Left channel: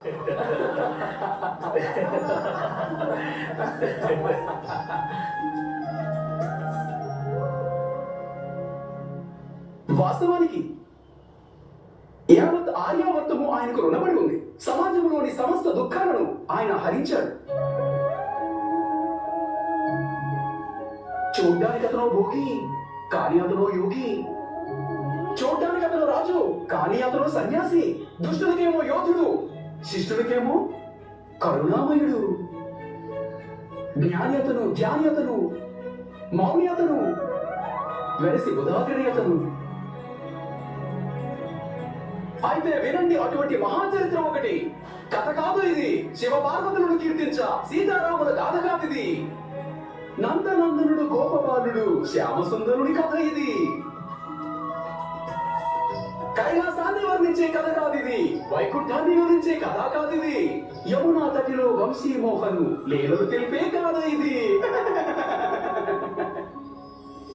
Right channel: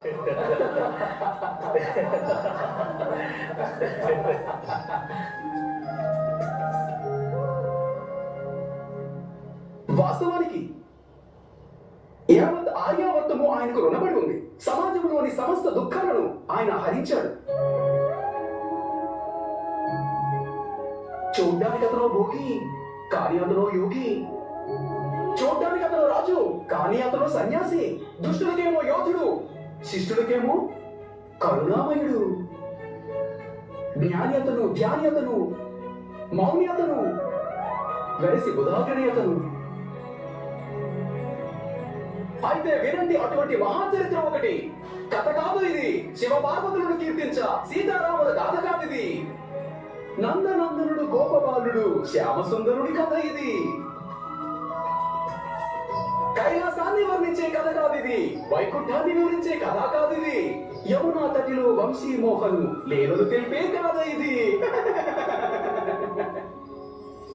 వాస్తవానికి యావత్ ఆర్యావర్తము ఆయనకు రుణపడి ఉంది. సమాజంలోని సమస్త దుఃఖాలను ఆయన హరించాడు. చూడ్డానికి అతను భోగి, కానీ అతను యోగి. చూడ్డానికి అతను రాజు, కానీ అతను సన్యాసి. దుష్టులకేమో యోధుడు, శిష్టులకేమో కరుణామయుడు. జ్ఞాని అతను, ధ్యాని అతను, మౌని అతను, వెరసి బుధాకరి అతను. అయితే వినండి, అటువంటి మహాచరిత్ర ఒకటి. కథ కాదు ఇది. శివ పార్వతులను కీర్తించ సీతారాముల గాథ కాదిది. నందనందనుడు గోపబాలుడు శ్యామసుందరుడి కథ ఇది. కైలాసాన్ని వర్ణించే కథ కాదిది. వైకుంఠాన్ని వివరించే కథ కాదిది. యమునా తటిలో వంశీ మోహన్ లీలలు తెలిపే కాదా ఇది.